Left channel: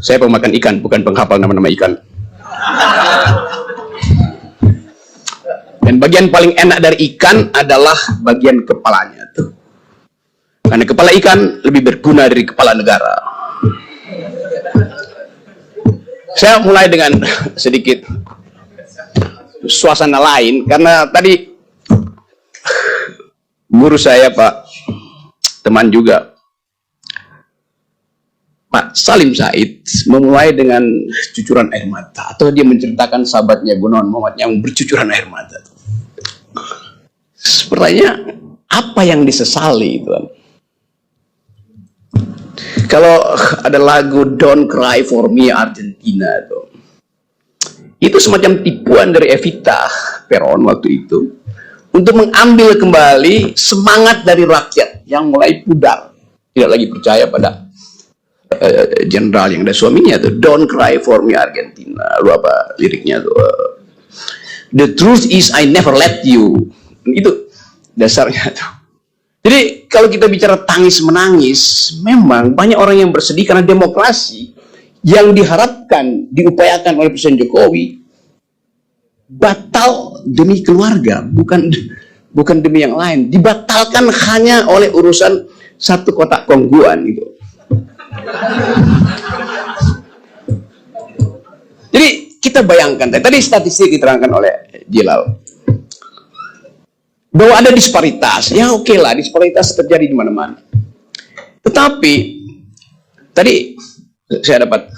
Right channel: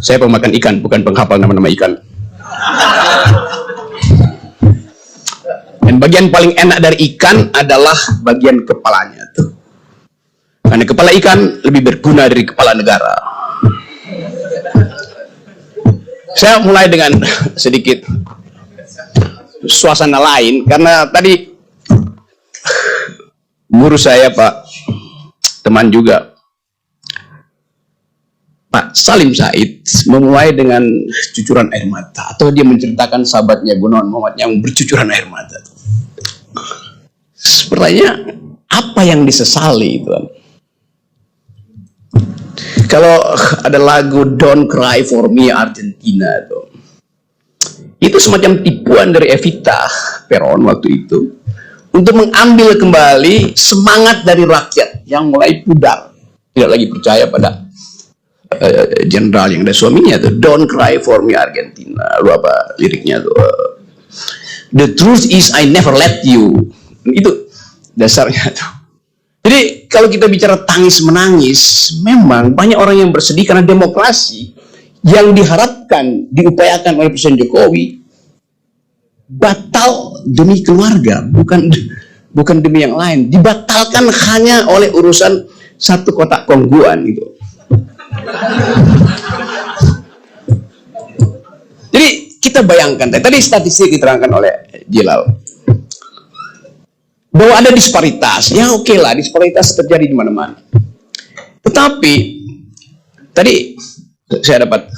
Saya pemakan ikan, bukan penghafal nama-nama ikan. Dan bagian paling enak dari ikan adalah bagian kepalanya tuh. Karena kepala ikan lebih berguna dari kepala negara. Saya mulai dengan sedikit suasana lain, karena tadi guru saya, Pak, teman juga, Pak Salim Said, memulai dengan cucuran air mata, atau dia menceritakan sahabatnya Gunawan Muhammad yang bercucuran air mata. Pertanyaan, apa yang disesali, Tuan? Kalau ada lagu Don't Cry For Me Argentina itu semacam tipuan dari Evita Peron waktu itu untuk mengambil kembali semangat dari rakyat yang mulai pudar, tidak lagi percaya pada jenderal yang ada suaminya tuh. Don't Cry For Me Argentina, lu apa liriknya tuh? The truth is I never let you. Itu dasarnya tuh. Jadi kalau kita bicara tangis menangis, memang banyak orang yang bersedih karena demokrasi yang diharapkan, diupayakan oleh Presiden Jokowi batal demi keluarga, bukan demi yang lain. Dibatalkan hanya oleh urusan satu kotak kongguan gitu. Jadi kita bayangkan, tadi statistik diterangkan oleh Jilal, bahwa ada disparitas. Ya oke lah, disparitas terjadi di mana-mana. Tetapi tadi saya dapat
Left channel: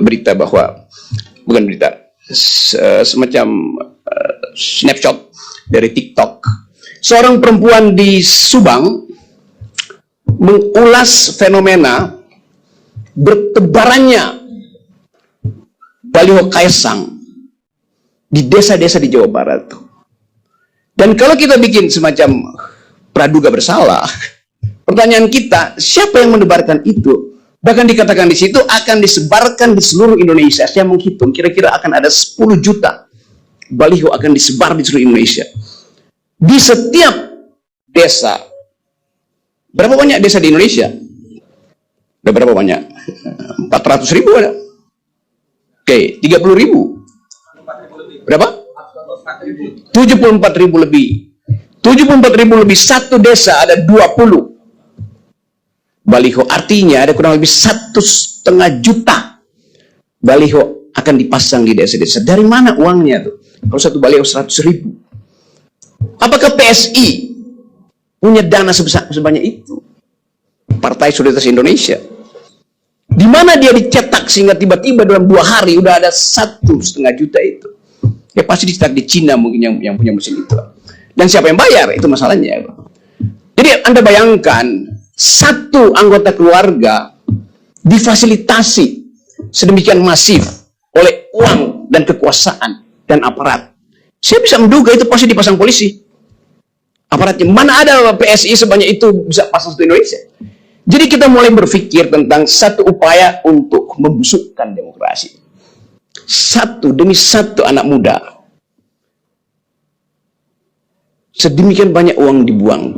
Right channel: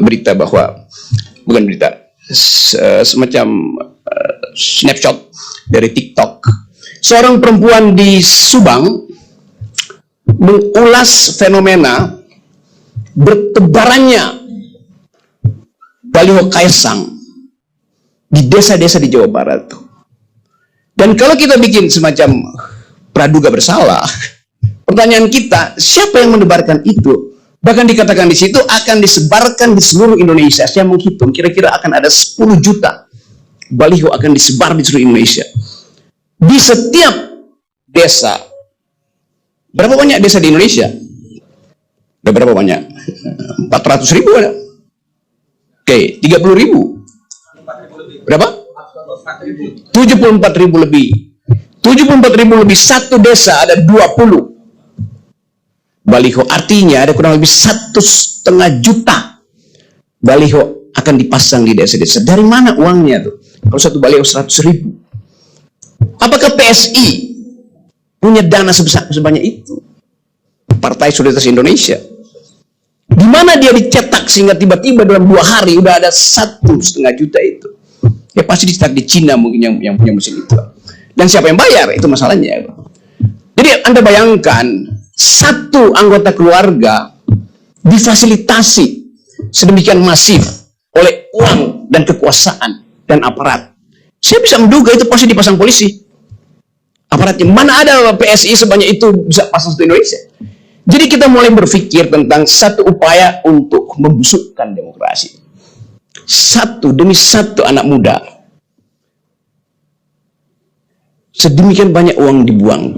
berita bahwa, bukan berita, semacam snapshot dari TikTok. Seorang perempuan di Subang mengulas fenomena bertebarannya baliho Kaisang di desa-desa di Jawa Barat. Dan kalau kita bikin semacam praduga bersalah, pertanyaan kita, siapa yang menebarkan itu? Bahkan dikatakan di situ akan disebarkan di seluruh Indonesia. Saya menghitung kira-kira akan ada 10 juta baliho akan disebar di seluruh Indonesia. Di setiap desa. Berapa banyak desa di Indonesia? Ada berapa banyak? 400.000 ada? Oke, 30.000. Berapa? 74.000 lebih. 74.000 lebih, satu desa ada 20 baliho. Artinya ada kurang lebih 1,5 juta baliho akan dipasang di desa-desa. Dari mana uangnya tuh? Kalau satu baliho 100.000. Apakah PSI punya dana sebanyak itu? Partai Solidaritas Indonesia. Di mana dia dicetak sehingga tiba-tiba dalam 2 hari udah ada 1,5 juta itu? Ya pasti dicetak di Cina mungkin yang punya mesin itu. Dan siapa yang bayar? Itu masalahnya. Jadi Anda bayangkan, satu anggota keluarga difasilitasi sedemikian masif oleh uang dan kekuasaan dan aparat. Saya bisa menduga itu pasti dipasang polisi. Aparatnya. Mana ada PSI sebanyak itu bisa pasang di Indonesia? Jadi kita mulai berpikir tentang satu upaya untuk membusukkan demokrasi. Satu demi satu anak muda. Sedemikian banyak uang dibuang.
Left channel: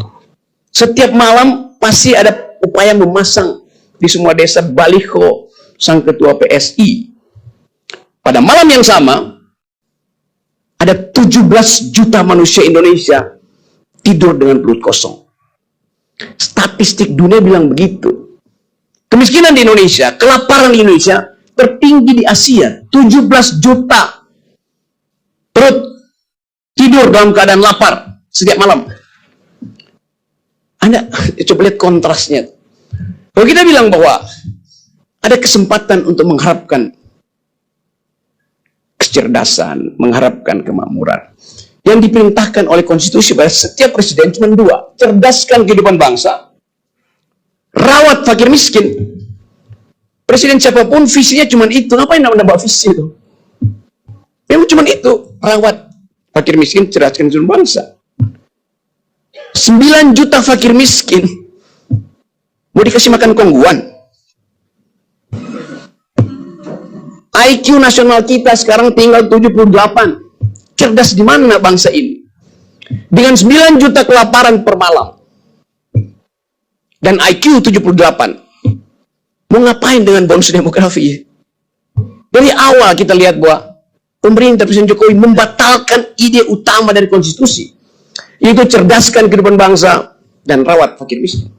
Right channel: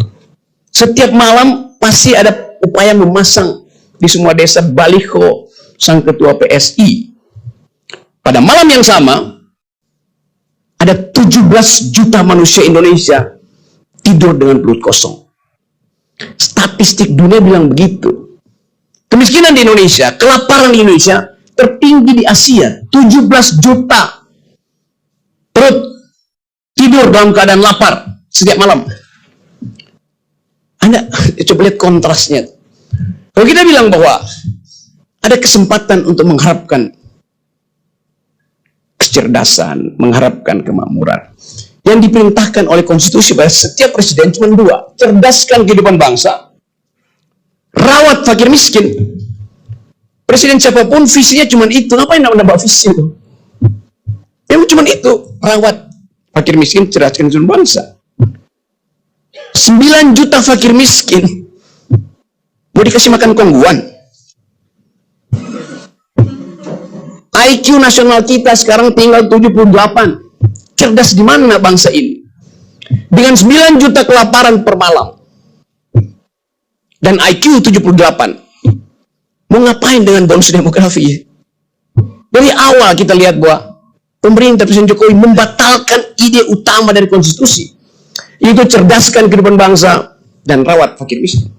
Setiap malam pasti ada upaya memasang di semua desa baliho sang ketua PSI. Pada malam yang sama, ada 17 juta manusia Indonesia tidur dengan perut kosong. Statistik dunia bilang begitu. Kemiskinan di Indonesia, kelaparan di Indonesia tertinggi di Asia. 17 juta perut tidur dalam keadaan lapar setiap malam. Anda coba lihat kontrasnya. Kalau kita bilang bahwa ada kesempatan untuk mengharapkan kecerdasan, mengharapkan kemakmuran, yang diperintahkan oleh konstitusi pada setiap presiden cuma 2. Cerdaskan kehidupan bangsa, rawat fakir miskin. Presiden siapapun visinya cuma itu. Ngapain nambah visi itu? Yang cuma itu, rawat fakir miskin, cerdaskan kehidupan bangsa. 9 juta fakir miskin mau dikasih makan kongguan. IQ nasional kita sekarang tinggal 78. Cerdas di mana bangsa ini? Dengan 9 juta kelaparan per malam dan IQ 78. Mau ngapain dengan bonus demografi? Dari awal kita lihat bahwa pemerintah Presiden Jokowi membatalkan ide utama dari konstitusi, yaitu cerdaskan kehidupan bangsa dan rawat fakir miskin.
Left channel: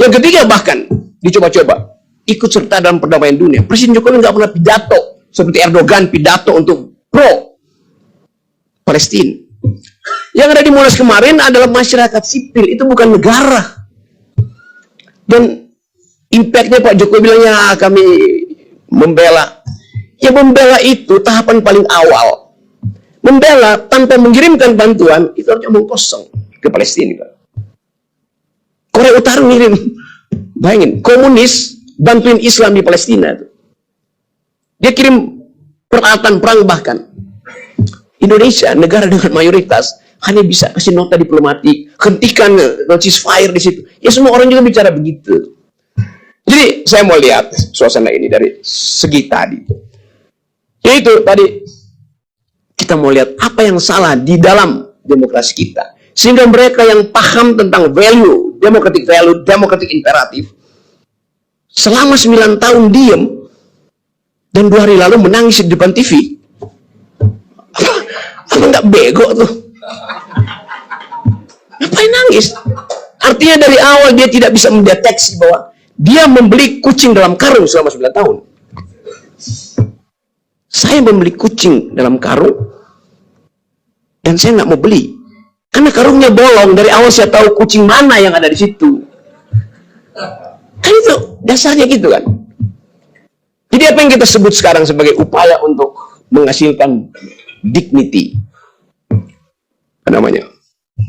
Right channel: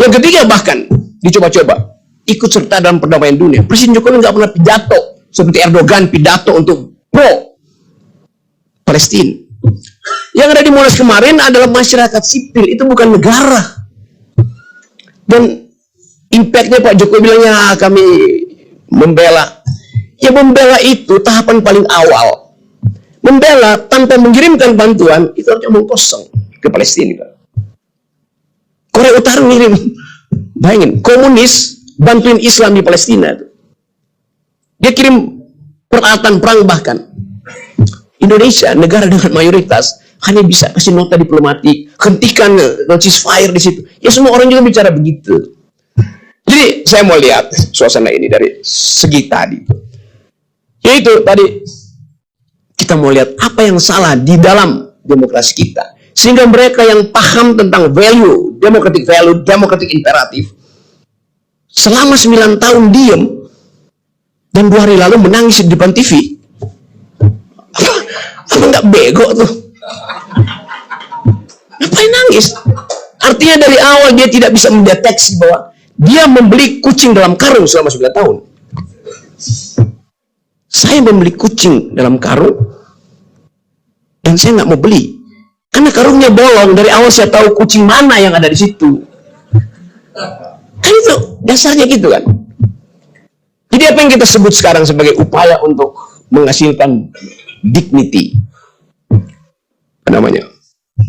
Yang ketiga bahkan dicoba-coba ikut serta dalam perdamaian dunia. Presiden Jokowi nggak pernah pidato seperti Erdogan pidato untuk pro Palestina. Yang ada di Monas kemarin adalah masyarakat sipil, itu bukan negara. Dan impactnya Pak Jokowi bilang ya kami membela. Ya membela itu tahapan paling awal. Membela tanpa mengirimkan bantuan itu harusnya omong kosong ke Palestina. Korea Utara ngirim, bayangin, komunis bantuin Islam di Palestina. Dia kirim peralatan perang bahkan. Indonesia, negara dengan mayoritas, hanya bisa kasih nota diplomatik, hentikan ceasefire di situ. Ya semua orang juga bicara begitu. Jadi saya mau lihat suasana ini dari segi tadi. Yaitu tadi kita mau lihat apa yang salah di dalam demokrasi kita. Sehingga mereka yang paham tentang value, democratic imperatif, selama 9 tahun diam, dan 2 hari lalu menangis di depan TV. Apa nggak bego tuh? Ngapain nangis? Artinya dari awal dia tidak bisa mendeteksi bahwa dia membeli kucing dalam karung selama 9 tahun. Saya membeli kucing dalam karung dan saya nggak mau beli karena karungnya bolong. Dari awal saya tahu kucing mana yang ada di situ. Kan itu dasarnya gitu kan. Jadi apa yang kita sebut sekarang sebagai upaya untuk menghasilkan dignity, apa namanya,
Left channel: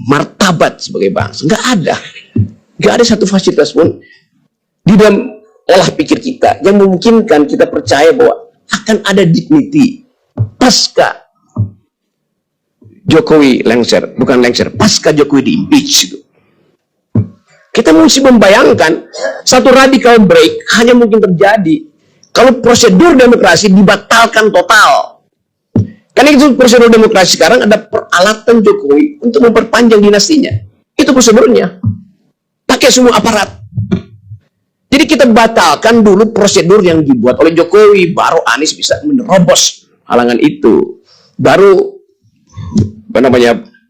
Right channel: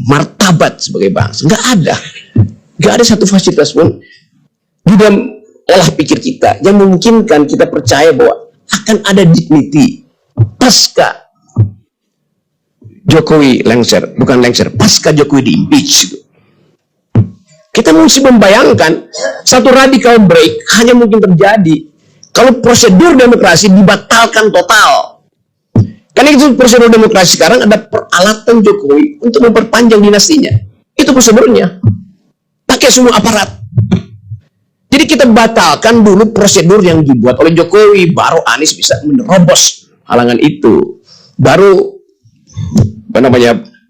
martabat sebagai bangsa, nggak ada satu fasilitas pun di dalam olah pikir kita yang memungkinkan kita percaya bahwa akan ada dignity pasca Jokowi pasca Jokowi di impeach itu. Kita mesti membayangkan satu radical break hanya mungkin terjadi kalau prosedur demokrasi dibatalkan total. Karena itu prosedur demokrasi sekarang ada peralatan Jokowi untuk memperpanjang dinastinya. Itu prosedurnya. Pakai semua aparat. Jadi kita batalkan dulu prosedur yang dibuat oleh Jokowi, baru Anies bisa menerobos halangan itu. Baru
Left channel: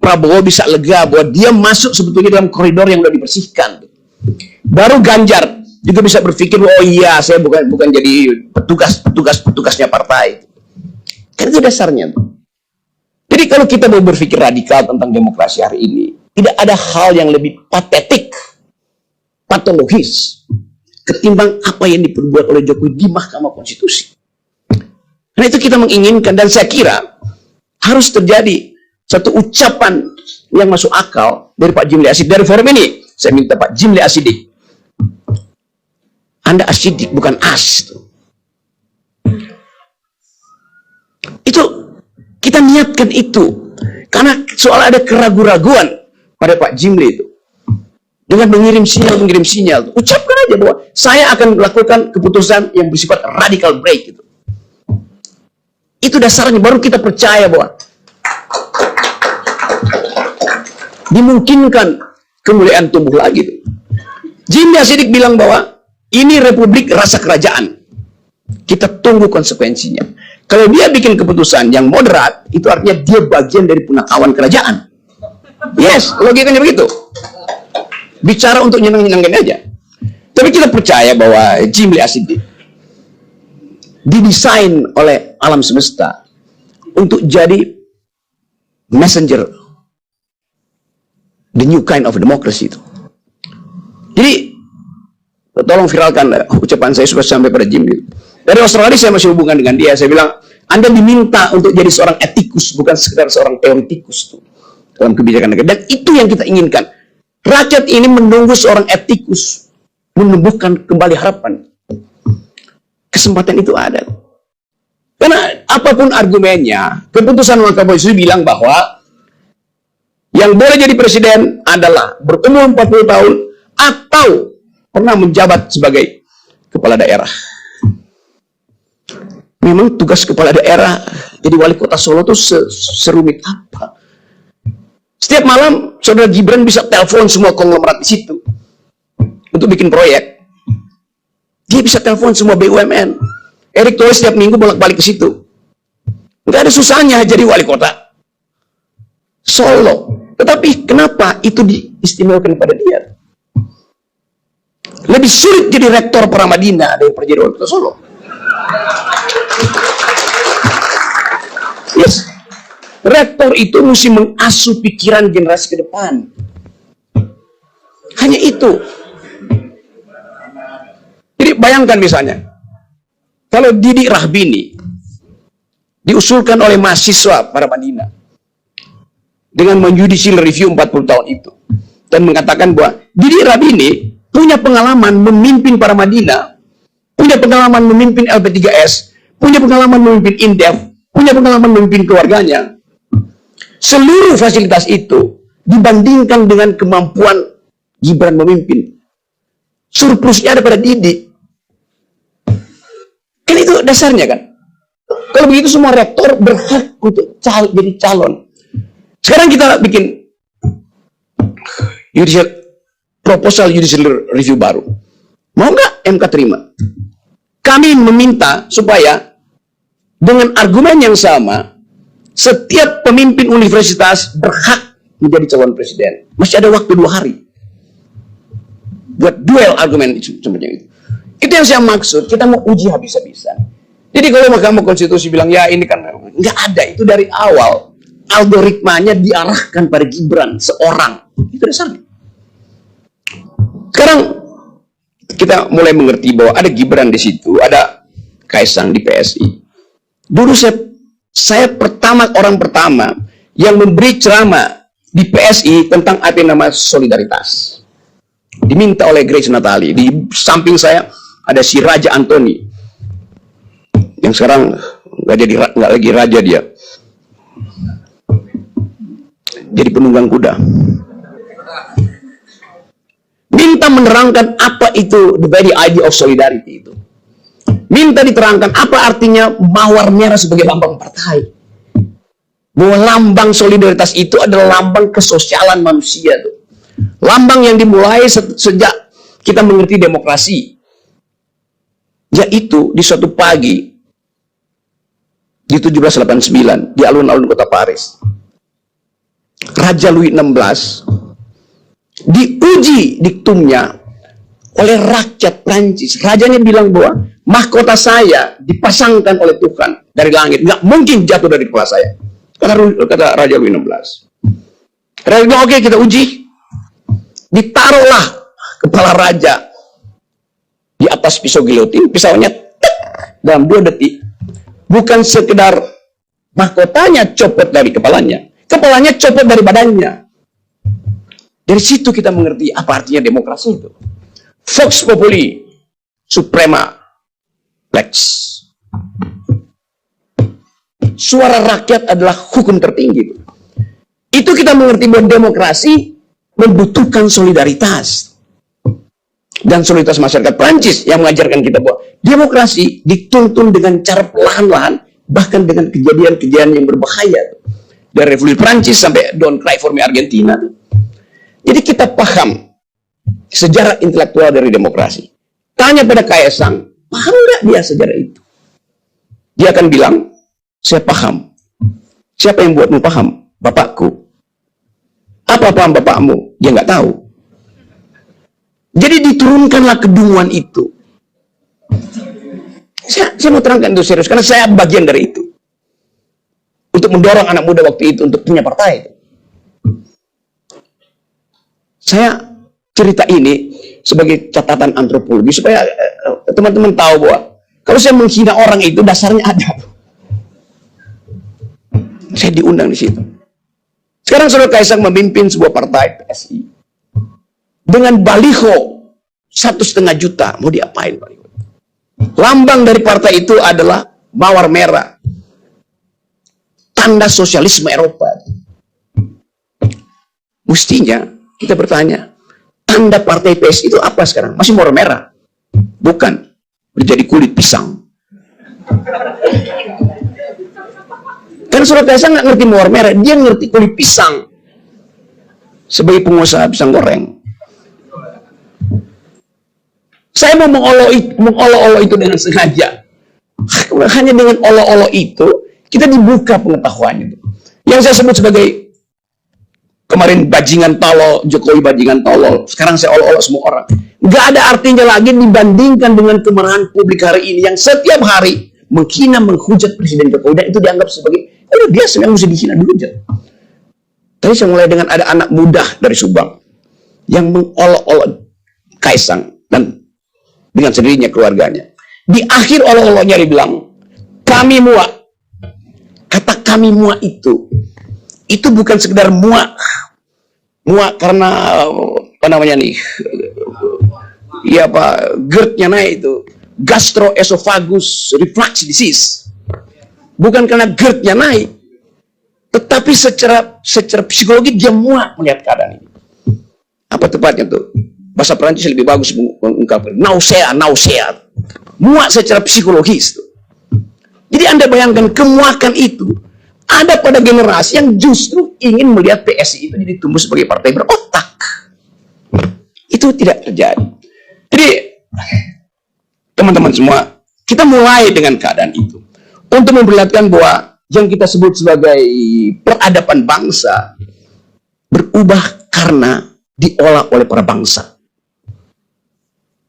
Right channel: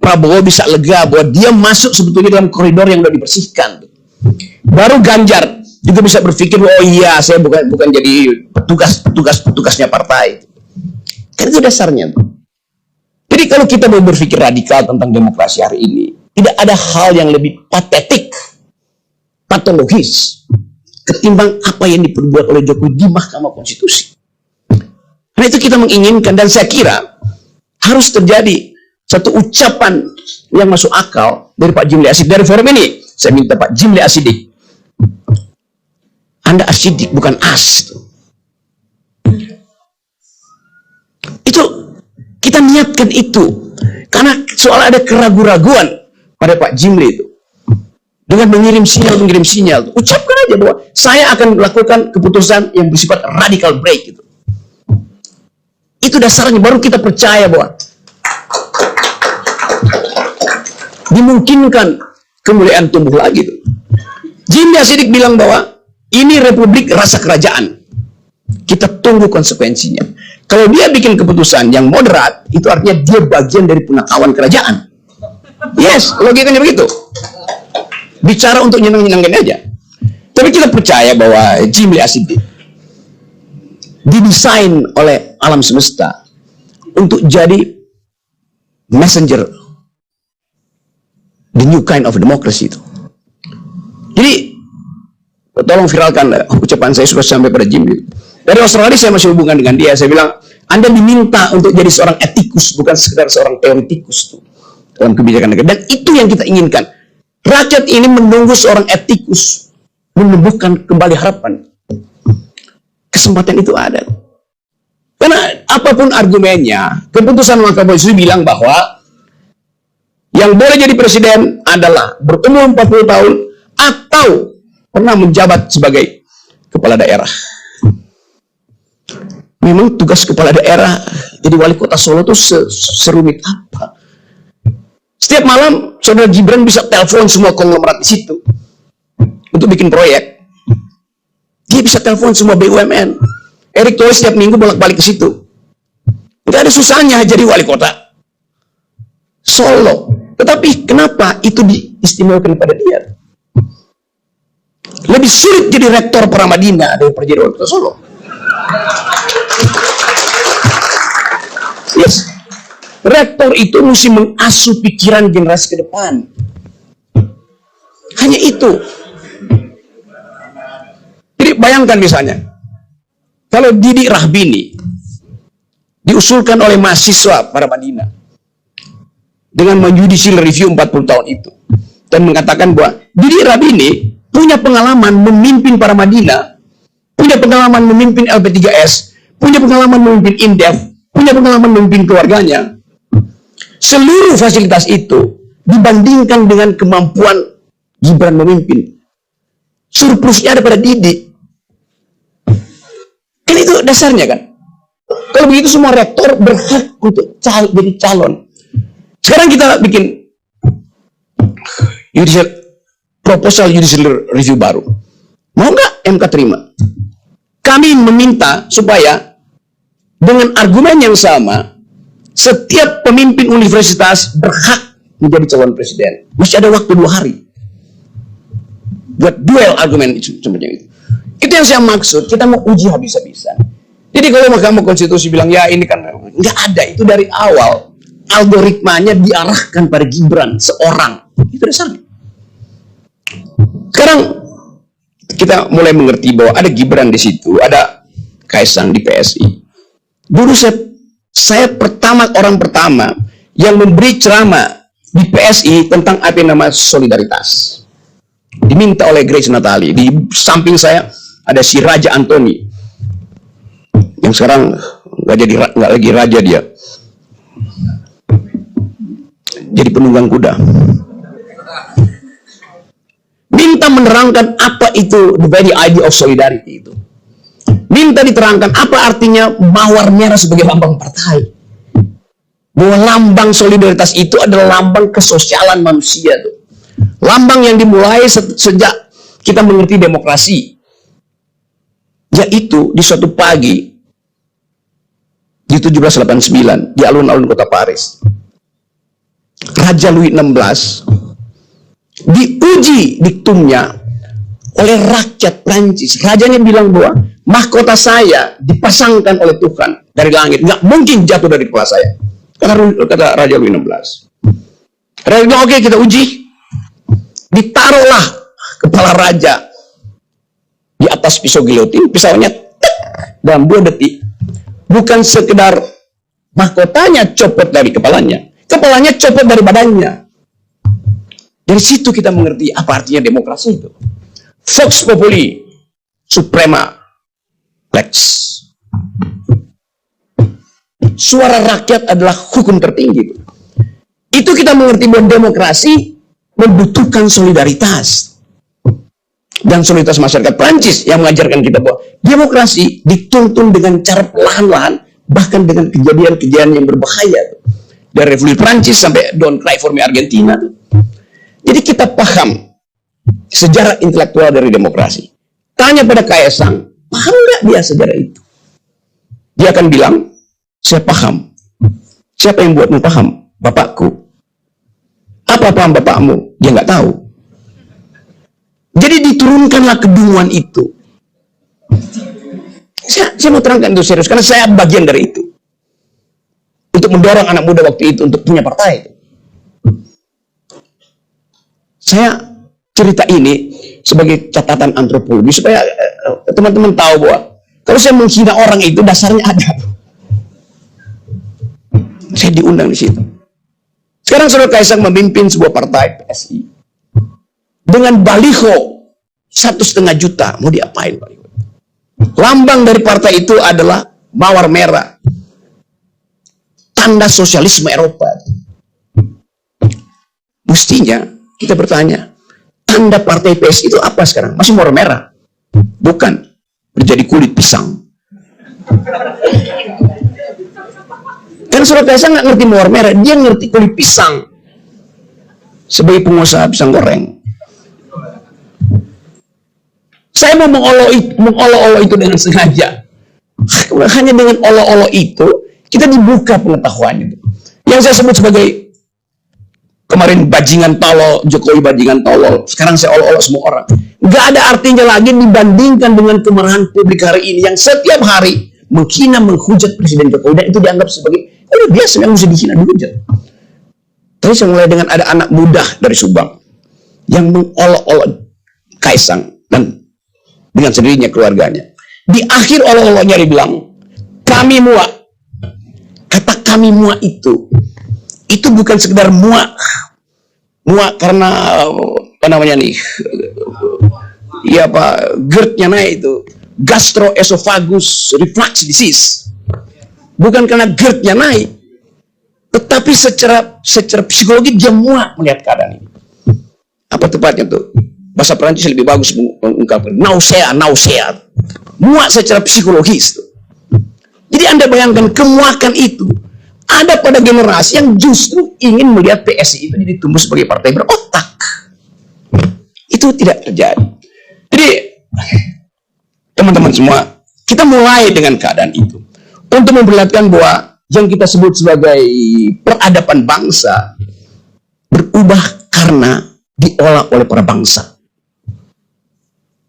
Prabowo bisa lega bahwa dia masuk sebetulnya dalam koridor yang sudah dibersihkan. Baru Ganjar juga bisa berpikir, oh iya saya bukan jadi petugasnya partai. Kan itu dasarnya. Jadi kalau kita mau berpikir radikal tentang demokrasi hari ini, tidak ada hal yang lebih patetik, patologis, ketimbang apa yang diperbuat oleh Jokowi di Mahkamah Konstitusi. Karena itu kita menginginkan, dan saya kira harus terjadi satu ucapan yang masuk akal dari Pak Jimli Asidik. Dari forum ini, saya minta Pak Jimli Asidik, Anda asidik bukan as. Itu kita niatkan itu karena soal ada keraguan-raguan pada Pak Jimli itu dengan mengirim sinyal, ucapkan aja bahwa saya akan melakukan keputusan yang bersifat radical break itu. Itu dasarnya, baru kita percaya bahwa dimungkinkan kemuliaan tumbuh lagi. Jimli Asidik bilang bahwa ini republik rasa kerajaan. Kita tunggu konsekuensinya. Kalau dia bikin keputusan yang moderat, itu artinya dia bagian dari punakawan kerajaan. Yes, logikanya begitu. Bicara untuk nyenang-nyenangkan aja. Tapi kita percaya bahwa Jimli Asidik didesain oleh alam semesta untuk jadi messenger the new kind of democracy itu. Jadi tolong viralkan ucapan saya sudah sampai pada Jimli. Dari Australia saya masih hubungan dengan dia. Saya bilang, Anda diminta untuk jadi seorang etikus, bukan sekedar seorang teoretikus dalam kebijakan negara. Dan itu yang kita inginkan. Rakyat ini menunggu seorang etikus menumbuhkan kembali harapan. Kesempatan itu ada. Karena apapun argumennya, keputusan Mahkamah Konstitusi bilang bahwa yang boleh jadi presiden adalah berumur 40 tahun atau pernah menjabat sebagai kepala daerah. Memang tugas kepala daerah jadi wali kota Solo itu serumit apa? Setiap malam saudara Gibran bisa telepon semua konglomerat di situ untuk bikin proyek. Dia bisa telepon semua BUMN. Erick Thohir setiap minggu bolak-balik ke situ. Nggak ada susahnya jadi wali kota Solo. Tetapi kenapa itu diistimewakan pada dia? Lebih sulit jadi rektor Pramadina daripada jadi wali kota Solo. Yes. Rektor itu mesti mengasuh pikiran generasi ke depan. Hanya itu. Jadi bayangkan misalnya, kalau Didi Rahbini diusulkan oleh mahasiswa pada Madinah dengan menjudicial review 40 tahun itu dan mengatakan bahwa Didi Rahbini punya pengalaman memimpin para Madinah, punya pengalaman memimpin LP3S, punya pengalaman memimpin Indef, punya pengalaman memimpin keluarganya. Seluruh fasilitas itu dibandingkan dengan kemampuan Gibran memimpin, surplusnya ada pada Didi. Kan itu dasarnya kan. Kalau begitu semua rektor berhak untuk jadi calon. Sekarang kita bikin proposal judicial review baru. Mau nggak MK terima? Kami meminta supaya dengan argumen yang sama, setiap pemimpin universitas berhak menjadi calon presiden. Masih ada waktu 2 hari buat duel argumen itu sebenarnya itu. Itu yang saya maksud, kita mau uji habis-habisan. Jadi kalau Mahkamah Konstitusi bilang ya ini kan nggak ada, itu dari awal algoritmanya diarahkan pada Gibran seorang. Itu dasarnya. Sekarang kita mulai mengerti bahwa ada Gibran di situ, ada Kaisang di PSI. Dulu saya orang pertama yang memberi ceramah di PSI tentang apa yang namanya solidaritas. Diminta oleh Grace Natali. Di samping saya ada si Raja Antoni yang sekarang nggak lagi raja, dia jadi penunggang kuda. Minta menerangkan apa itu the very idea of solidarity itu. Minta diterangkan apa artinya mawar merah sebagai lambang partai. Bahwa lambang solidaritas itu adalah lambang kesosialan manusia tuh. Lambang yang dimulai sejak kita mengerti demokrasi. Yaitu di suatu pagi di 1789 di alun-alun kota Paris, Raja Louis XVI diuji diktumnya oleh rakyat Prancis. Rajanya bilang bahwa mahkota saya dipasangkan oleh Tuhan dari langit, nggak mungkin jatuh dari kepala saya. Kata Raja Louis XVI. Raja bilang oke, kita uji. Ditaruhlah kepala raja di atas pisau gilotin, pisaunya dalam 2 detik. Bukan sekedar mahkotanya copot dari kepalanya, kepalanya copot dari badannya. Dari situ kita mengerti apa artinya demokrasi itu. Vox populi suprema lex. Suara rakyat adalah hukum tertinggi. Itu kita mengerti bahwa demokrasi membutuhkan solidaritas. Dan solidaritas masyarakat Prancis yang mengajarkan kita bahwa demokrasi dituntun dengan cara perlahan-lahan, bahkan dengan kejadian-kejadian yang berbahaya. Dari Revolusi Prancis sampai Don't Cry for Me Argentina. Jadi kita paham sejarah intelektual dari demokrasi. Tanya pada Kaisang, paham nggak dia sejarah itu? Dia akan bilang, saya paham. Siapa yang buatmu paham? Bapakku. Apa paham bapakmu? Dia nggak tahu. Jadi diturunkanlah kebingungan itu. Saya mau terangkan itu serius, karena saya bagian dari itu. Untuk mendorong anak muda waktu itu untuk punya partai. Saya cerita ini sebagai catatan antropologi supaya teman-teman tahu bahwa kalau saya menghina orang itu dasarnya ada. Saya diundang di situ. Sekarang Saudara Kaisang memimpin sebuah partai PSI dengan baliho 1,5 juta. Mau diapain baliho? Lambang dari partai itu adalah mawar merah, tanda sosialisme Eropa. Mestinya kita bertanya, tanda partai PSI itu apa sekarang? Masih mawar merah? Bukan, menjadi kulit pisang. Karena Saudara Kaisang nggak ngerti mawar merah, dia ngerti kulit pisang. Sebagai pengusaha pisang goreng, Saya mau mengolok-olok itu dengan sengaja. Hanya dengan olok-olok itu, kita dibuka pengetahuannya. Yang saya sebut sebagai kemarin bajingan tolol, Jokowi bajingan tolol, sekarang saya olok-olok semua orang. Nggak ada artinya lagi dibandingkan dengan kemarahan publik hari ini yang setiap hari menghina, menghujat Presiden Jokowi, dan itu dianggap sebagai biasa, yang mesti dihina, dihujat. Terus yang mulai dengan ada anak muda dari Subang yang mengolok-olok Kaisang dan dengan sendirinya keluarganya. Di akhir olok-oloknya dibilang, kami muak. Kata kami muak itu bukan sekedar muak karena apa namanya nih, ya Pak, GERD-nya naik itu, gastroesophagus reflux disease. Bukan karena GERD-nya naik, tetapi secara psikologi dia muak melihat keadaan ini. Apa tepatnya tuh? Bahasa Perancis lebih bagus mengungkapkan nausea. Muak secara psikologis tuh. Jadi Anda bayangkan kemuakan itu ada pada generasi yang justru ingin melihat PSI itu jadi tumbuh sebagai partai berotak. Itu tidak terjadi. Jadi teman-teman semua, kita mulai dengan keadaan itu untuk memperlihatkan bahwa yang kita sebut sebagai peradaban bangsa berubah karena diolah oleh para bangsa.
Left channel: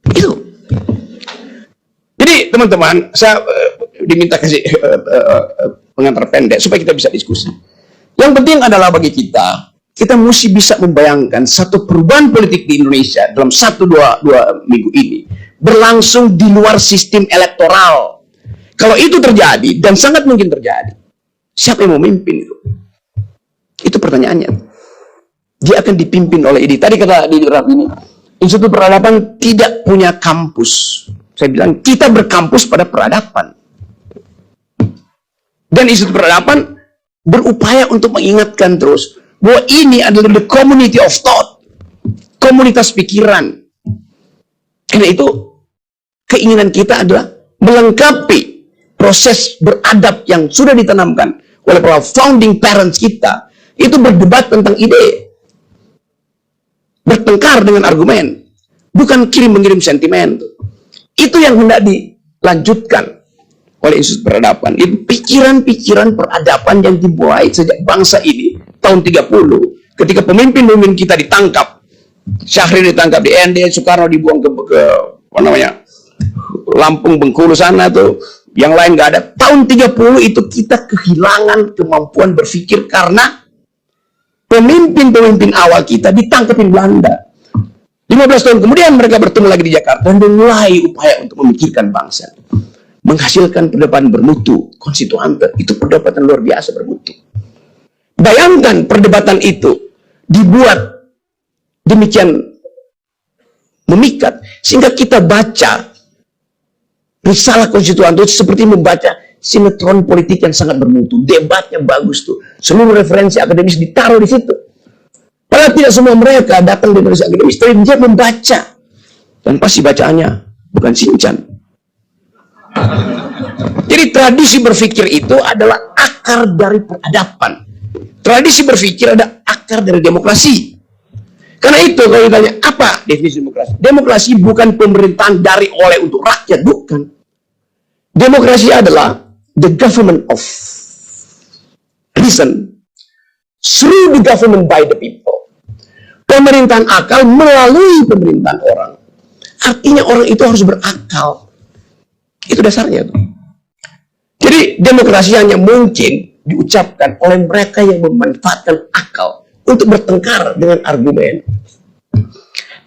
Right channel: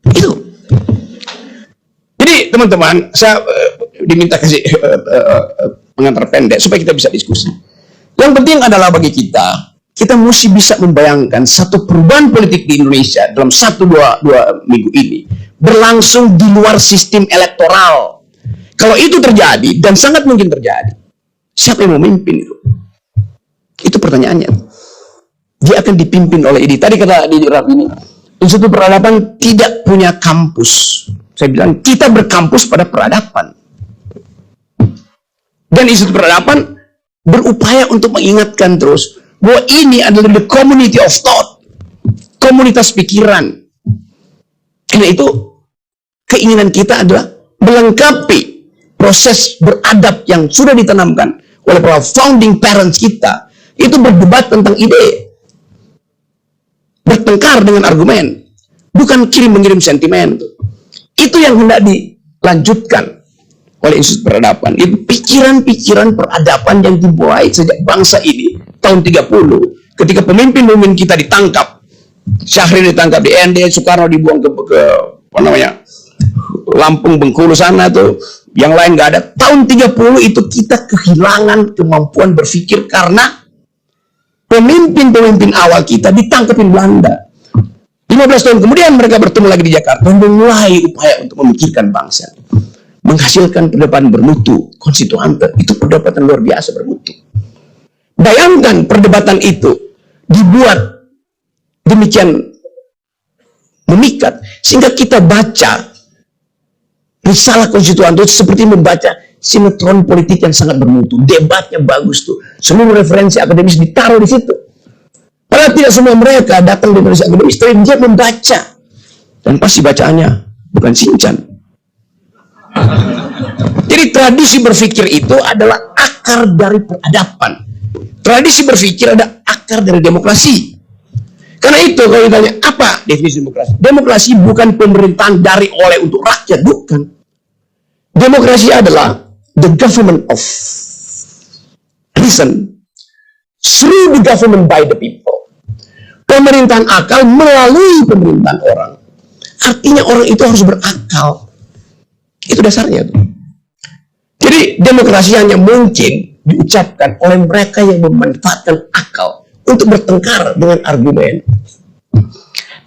Itu. Jadi teman-teman, saya diminta kasih pengantar pendek supaya kita bisa diskusi. Yang penting adalah bagi kita mesti bisa membayangkan satu perubahan politik di Indonesia dalam 1-2 minggu ini berlangsung di luar sistem elektoral. Kalau itu terjadi, dan sangat mungkin terjadi, siapa yang memimpin itu? Itu pertanyaannya. Dia akan dipimpin oleh ini. Tadi kata di Raff ini, Institut Peradaban tidak punya kampus. Saya bilang, kita berkampus pada peradaban. Dan Institut Peradaban berupaya untuk mengingatkan terus bahwa ini adalah the community of thought, komunitas pikiran. Karena itu, keinginan kita adalah melengkapi proses beradab yang sudah ditanamkan oleh para founding parents kita. Itu berdebat tentang ide, bertengkar dengan argumen, bukan kirim-mengirim sentimen. Itu yang hendak dilanjutkan oleh Institut Peradaban. Itu pikiran-pikiran peradaban yang dimulai sejak bangsa ini tahun 30, ketika pemimpin-pemimpin kita ditangkap. Syahrir ditangkap di ND, Soekarno dibuang ke apa namanya, Lampung, Bengkulu sana tuh, yang lain nggak ada. Tahun 30 itu kita kehilangan kemampuan berpikir karena pemimpin-pemimpin awal kita ditangkapin Belanda. 15 tahun kemudian mereka bertemu lagi di Jakarta dan memulai upaya untuk memikirkan bangsa, menghasilkan perdebatan bermutu, konstituante. Itu perdebatan luar biasa bermutu. Bayangkan perdebatan itu dibuat demikian memikat sehingga kita baca risalah konstituante seperti membaca sinetron politik yang sangat bermutu. Debatnya bagus tuh. Semua referensi akademis ditaruh di situ. Padahal tidak semua mereka datang dari referensi akademis, tapi dia membaca. Dan pasti bacaannya bukan Sinchan. Jadi tradisi berpikir itu adalah akar dari peradaban. Tradisi berpikir ada akar dari demokrasi. Karena itu kalau ditanya apa definisi demokrasi? Demokrasi bukan pemerintahan dari oleh untuk rakyat, bukan. Demokrasi adalah the government of reason through the government by the people. Pemerintahan akal melalui pemerintahan orang. Artinya orang itu harus berakal. Itu dasarnya. Jadi demokrasi hanya mungkin diucapkan oleh mereka yang memanfaatkan akal untuk bertengkar dengan argumen.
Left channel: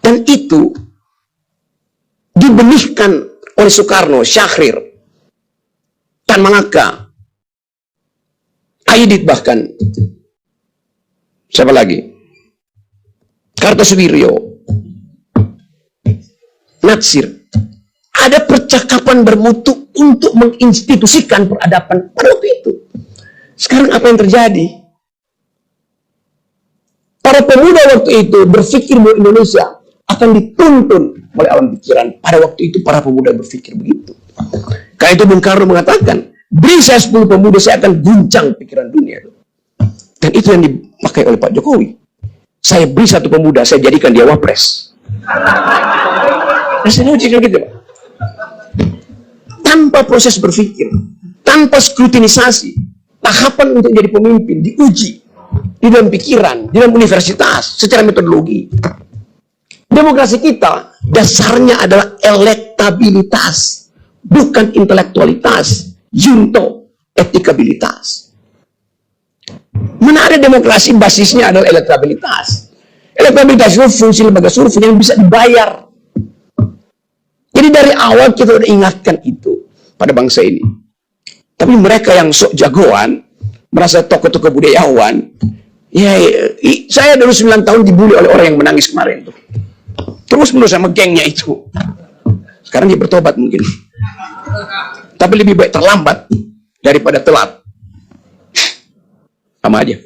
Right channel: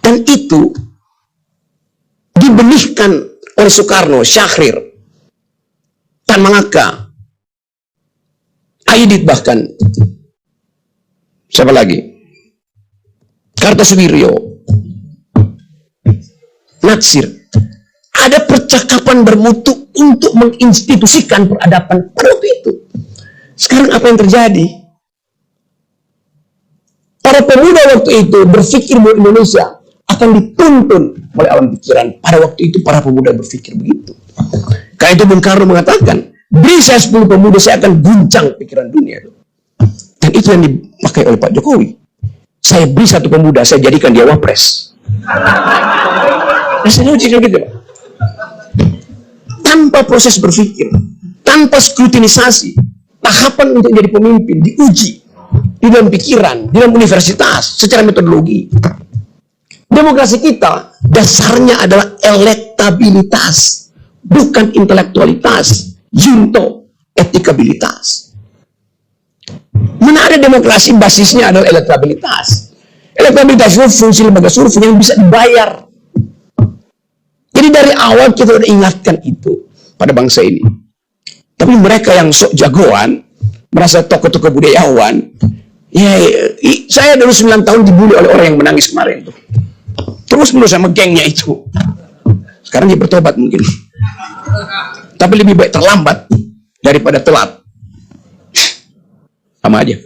Dan itu dibenihkan oleh Soekarno, Syahrir, Tan Malaka, Aidit, bahkan siapa lagi? Kartosuwiryo, Natsir. Ada percakapan bermutu untuk menginstitusikan peradaban pada waktu itu. Sekarang apa yang terjadi? Para pemuda waktu itu berpikir bahwa Indonesia akan dituntun oleh alam pikiran. Pada waktu itu para pemuda berpikir begitu. Karena itu Bung Karno mengatakan, beri saya 10 pemuda, saya akan guncang pikiran dunia. Dan itu yang dipakai oleh Pak Jokowi. Saya beri 1 pemuda, saya jadikan dia wapres. Masih logik gitu, Pak. Tanpa proses berpikir, tanpa skrutinisasi, tahapan untuk jadi pemimpin diuji di dalam pikiran, di dalam universitas, secara metodologi. Demokrasi kita dasarnya adalah elektabilitas, bukan intelektualitas, junto, etikabilitas. Mana ada demokrasi basisnya adalah elektabilitas. Elektabilitas itu fungsi lembaga survei yang bisa dibayar. Jadi dari awal kita sudah ingatkan itu pada bangsa ini. Tapi mereka yang sok jagoan, merasa tokoh-tokoh budayawan, ya, saya dulu 9 tahun dibully oleh orang yang menangis kemarin tuh. Terus menerus sama gengnya itu. Sekarang dia bertobat mungkin. Tapi lebih baik terlambat daripada telat. Sama aja.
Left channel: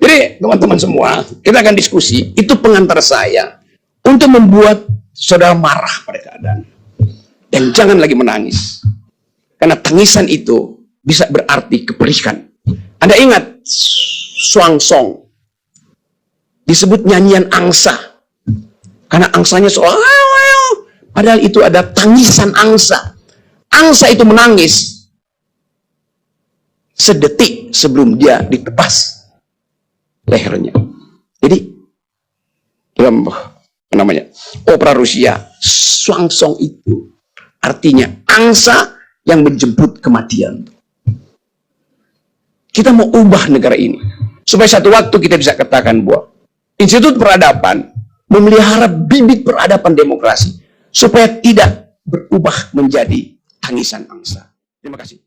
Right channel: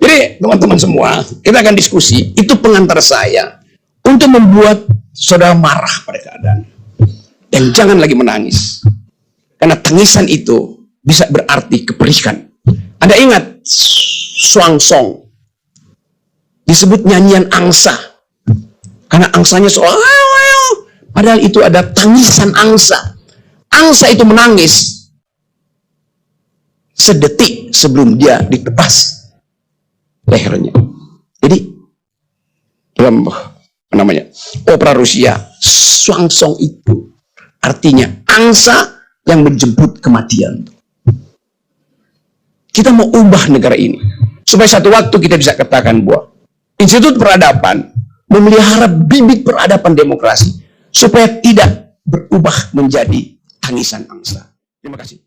Jadi teman-teman semua, kita akan diskusi. Itu pengantar saya untuk membuat saudara marah pada keadaan. Dan jangan lagi menangis. Karena tangisan itu bisa berarti keperikan. Anda ingat Swangsong disebut nyanyian angsa. Karena angsanya seolah padahal itu ada tangisan angsa. Angsa itu menangis sedetik sebelum dia ditebas lehernya. Jadi dalam opera Rusia, Swangsong itu artinya angsa yang menjemput kematian. Kita mau ubah negara ini supaya satu waktu kita bisa katakan bahwa Institut Peradaban memelihara bibit peradaban demokrasi supaya tidak berubah menjadi tangisan angsa. Terima kasih.